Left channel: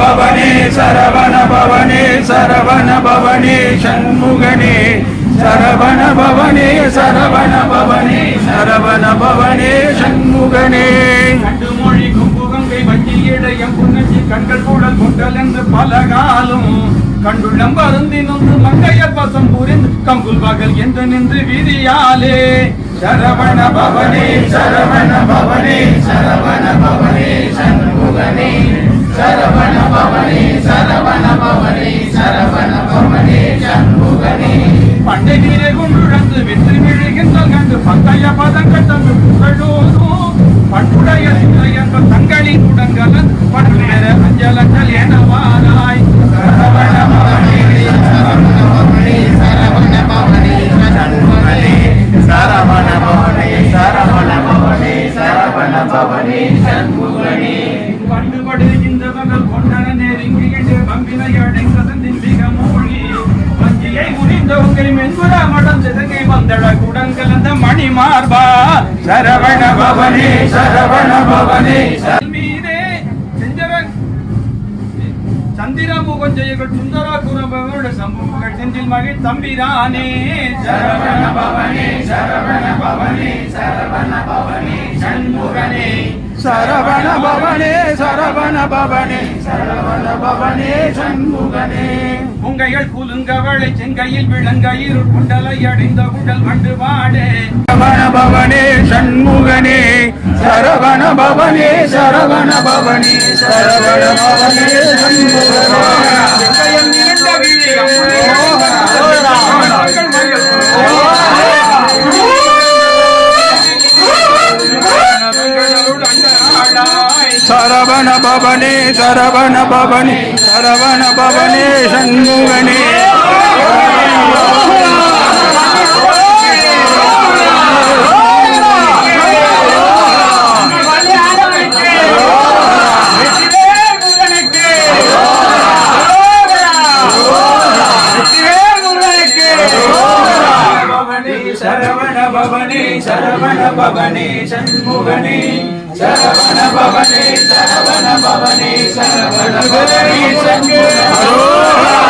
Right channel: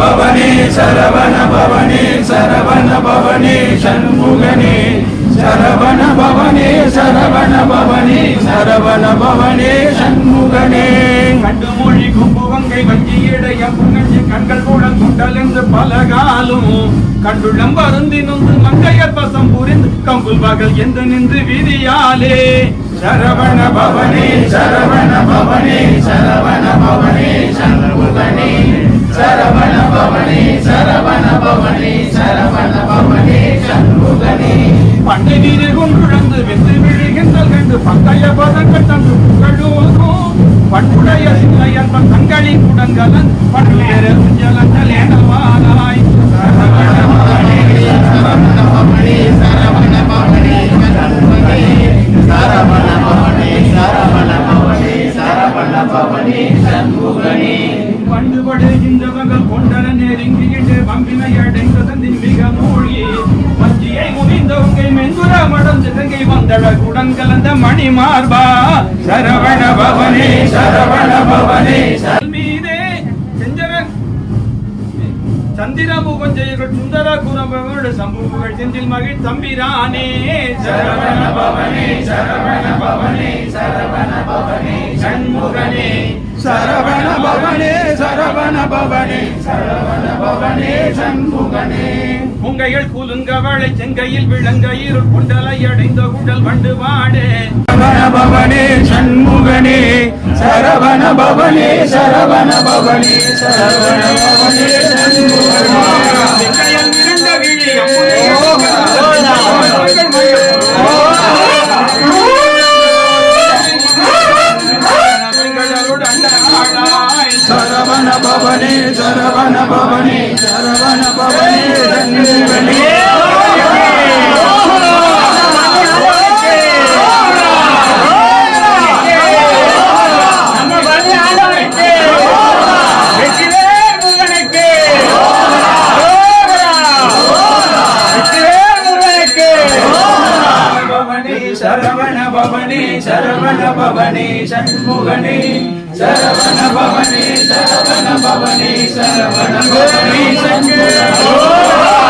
பவனே சரவண பவனே சரவண பவனே சண்முகனே சரவண பவனே சரவண பவனே சரவண பவனே சண்முகனே கண்டுமொழி கும்புகங்கை வஞ்சியடையம் புங்கச்சி கண்கள் கூட குண்டல் என்று பலகாலும் கண்டுள்ளம் வருந்தி நொந்து மங்கையர் பசம் புரிந்து கம்புல் பகல் என்று நின்று விதியாலே சரவண பவனே சரவண பவனே சரவண பவனே சண்முகனே சரவண பவனே சரவண பவனே சரவண பவனே சண்முகனே பண்டை நீரை கொண்டுழந்து வென்று விழுகின்றல் கண்டு பங்கைய பதம் கட்டந்து புகழோதும் பண்டுடைய சிலையன்ப தங்களின் உடன்கலந்து பண்டு பெற அஞ்சல் அஞ்சல் எனவாராய் சரவண பவனே சரவண பவனே சரவண பவனே சண்முகனே சரவண பவனே சரவண பவனே சரவண பவனே சண்முகனே பண்டுபடுகின்ற மகள் கொண்டன நெருங்கி என்று வம்பினையடைந்ததின் மிக மூழ்கி வஞ்சியை முனிந்த உங்கை மெந்துர மடந்து தங்கை வந்தட குடங்கலந்த மணி மார்பா சரவண பவனே சரவண பவனே மீதே செஞ்சரன் சந்திரமு கொஞ்சைகள் சுந்தர குரபோடு சம்புகள் செந்தில் மகிழ் தம்பிரானே சரவண பவனே சரவண பவனே சரவண பவனே சண்முகனே சரவண பவனே சரவண பவனே சரவண பவனே சண்முகனே உங்கைகள் குலுங்கவளை செங்கையில் விளங்கையில் குண்டலை அடைந்த குடல் வண்டு வாடே சரவண பவனே சண்முகனே சரவண பவனே சரவண பவனே சரவண பவனே செங்கையில் இரண்ட விழி சரவண பவனே சரவண பவனே சரவண பவனே சண்முகனே சரவண பவனே சரவண பவனே சண்முகனே சரவண பவனே சரவண பவனே சரவண பவனே சண்முகனே